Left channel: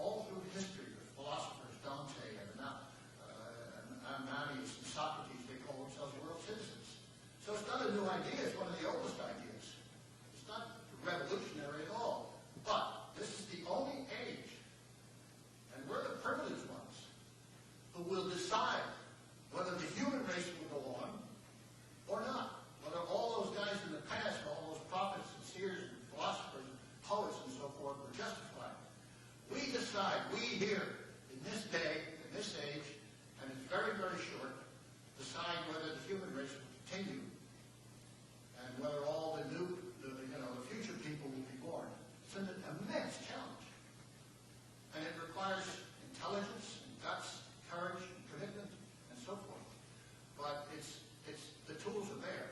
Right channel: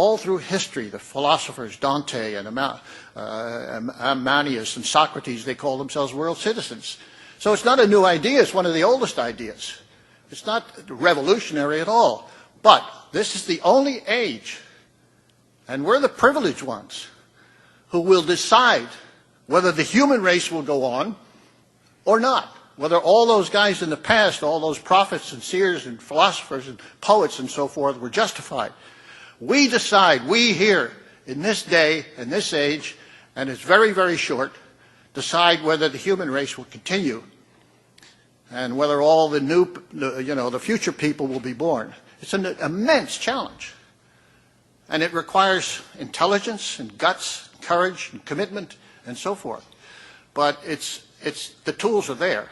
all through history, the philosophers, Dante and Amanius and Socrates, they call themselves world citizens. So it's not a new idea, it's one of the oldest ideas. It's not revolutionary at all. But this is the only age, and we're the privileged ones, who will decide whether the human race will go on or not. Whether all those guys in the past, all those prophets and seers and philosophers and poets and so forth were justified. We decide, we here, in this day, in this age, and it's very, very short, decide whether the human race will continue and whether all the new, the future people will be born. It's an immense challenge. And it requires intelligence and guts, courage and commitment and so forth. But the tools are there.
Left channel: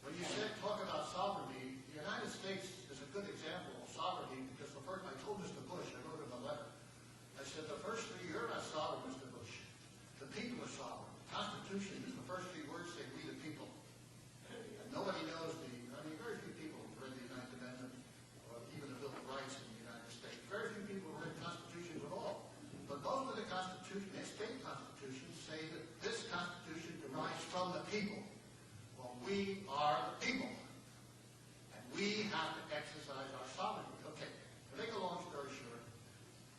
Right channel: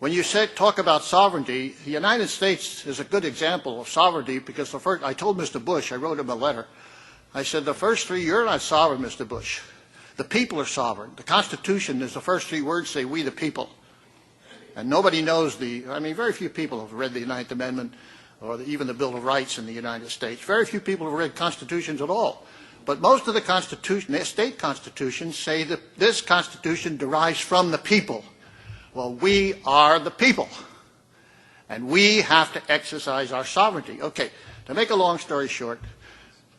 When you talk about sovereignty, the United States is a good example of sovereignty because I told Mr. Bush, I wrote him a letter, I said, the first three, you're not sovereign, Mr. Bush. The people are sovereign. The Constitution is the first three words say, we the people. And nobody knows very few people have read the Ninth Amendment or even the Bill of Rights in the United States. Very few people have read constitutions at all. But most of the state constitutions say that this Constitution derives from the people. Well, we are the people, and we have to exercise our sovereignty. Okay, to make a long story short,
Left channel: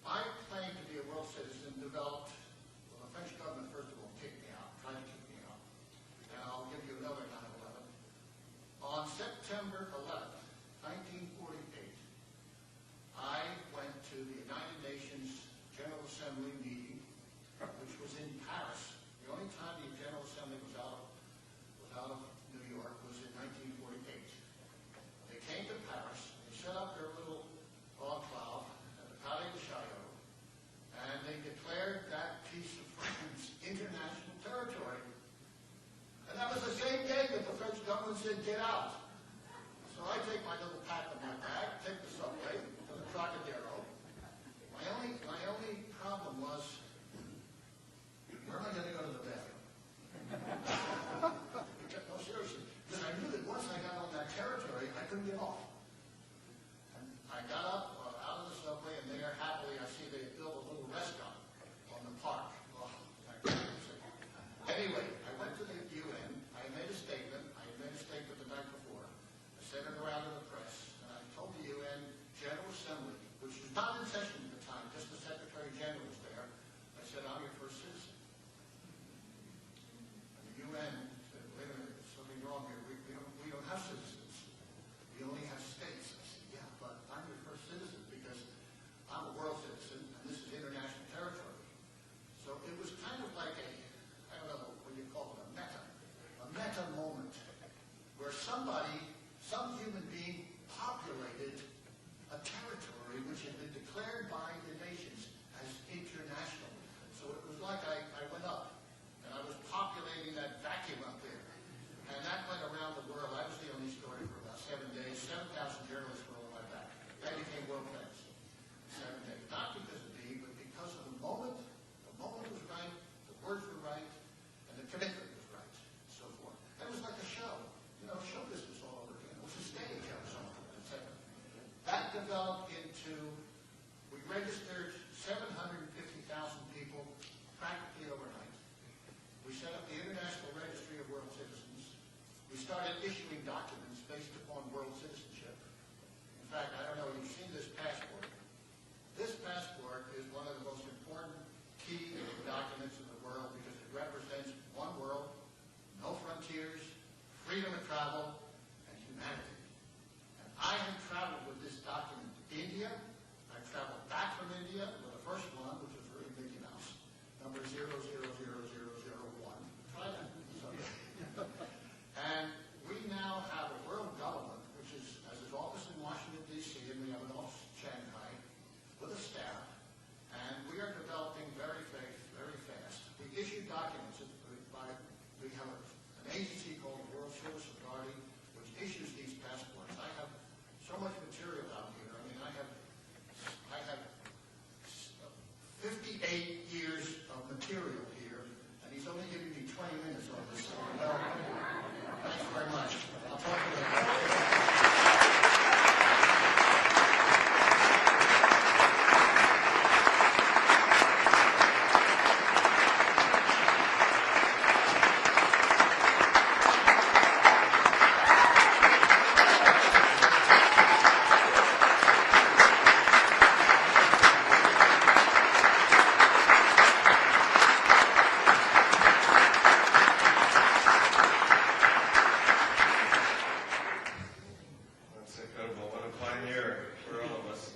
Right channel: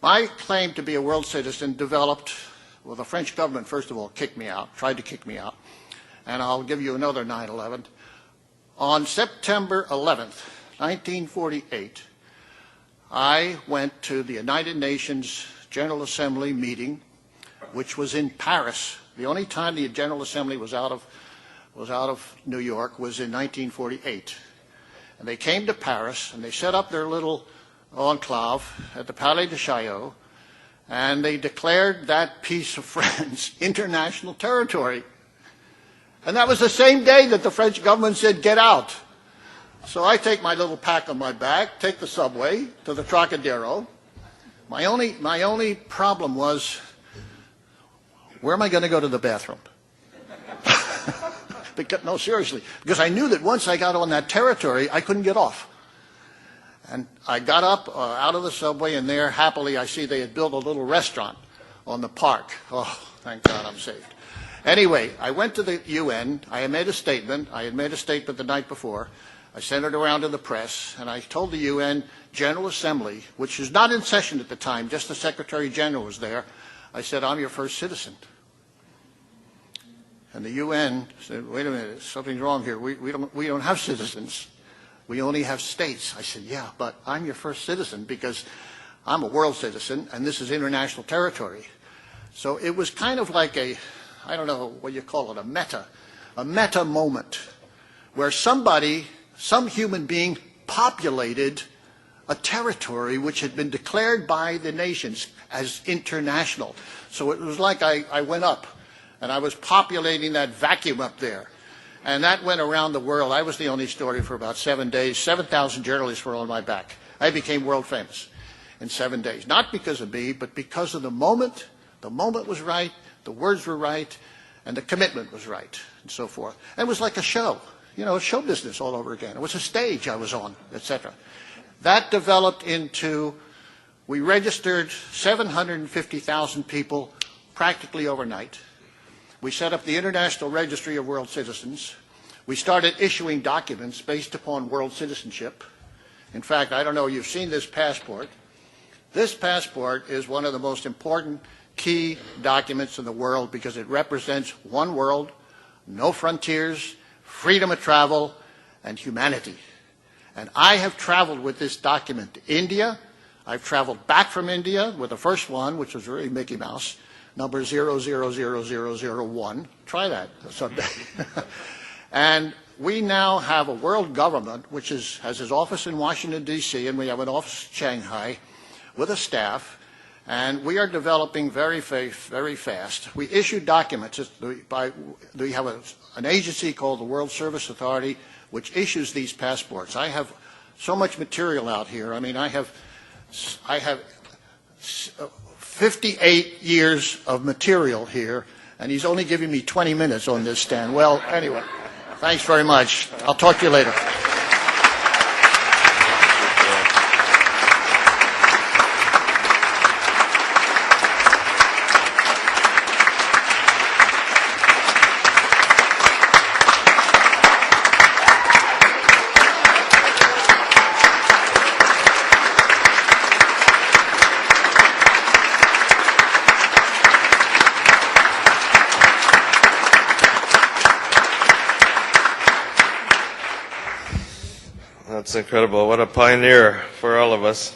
my claim to be a world citizen developed, well, the French government, first of all, tried to kick me out, and I'll give you another 9/11. On September 11th, 1948, I went to the United Nations General Assembly meeting, which was in Paris. The only time the General Assembly was out of New York was in 1948. And they came to Paris, and they set up their little enclave at the Palais de Chaillot, and they declared that piece of France international territory. And that was the same day that the French government said, get out. So I take my little pack on my back, take the subway to the Trocadero. My only problem was, where am I going to go to the bathroom? No, seriously, because I knew that once I got on that territory, I couldn't get off. And I got up out of the subway, and there, happily, I see they had built a little restaurant on the park. Oh, thank God I'm saved. Anyway, I went to the UN. I had made a statement. I had made a statement the night before. I sent it around to the press, and I told the UN General Assembly, which was not in session at the time, just the Secretary General was there. I said, I'm your first citizen. And the UN said, wait a minute, something's wrong here. We don't have citizens. We only have states. I said, yeah, but I'm your first citizen because I'm a world citizen, and this is international territory. So it was kind of like I don't know what you call it, a meta moment, where some human being populated a territory which had been declared by the nations as international. So it was like I went up, and I was populating that vacuum up there. And that went around the world. I was the only story for about 7 days. 7,000 journalists were on my back. I became world famous in 7 days. Not because of me, but because of the moment. The moment was right, the words were right, and the commitment was right, and so forth. And it was like a show. Show business all over again. It was a stage I was on, etc. That developed into, we registered 750,000 people practically overnight. We set up the International Registry of World Citizens. We started issuing documents based upon world citizenship. In fact, I don't know, you've seen this passport. This passport is one of the most important key documents in the world because it represents one world, no frontiers, freedom of travel, and humanity. And I have traveled with this document to India. I've traveled back from India with the first one, which was really Mickey Mouse, number 000001. Try that someday. And we now have a world government which has its office in Washington, D.C., and we have an office in Shanghai with a staff. And we are developing very fast. We issue documents. We have an agency called the World Service Authority, which issues these passports. I have so much material out here. I mean, I have 58 years of material here, and he's only giving me 20 minutes on this stand. Well, anyway, thanks very much. I'll talk to you later. That's incredible. What a pioneer for all of us.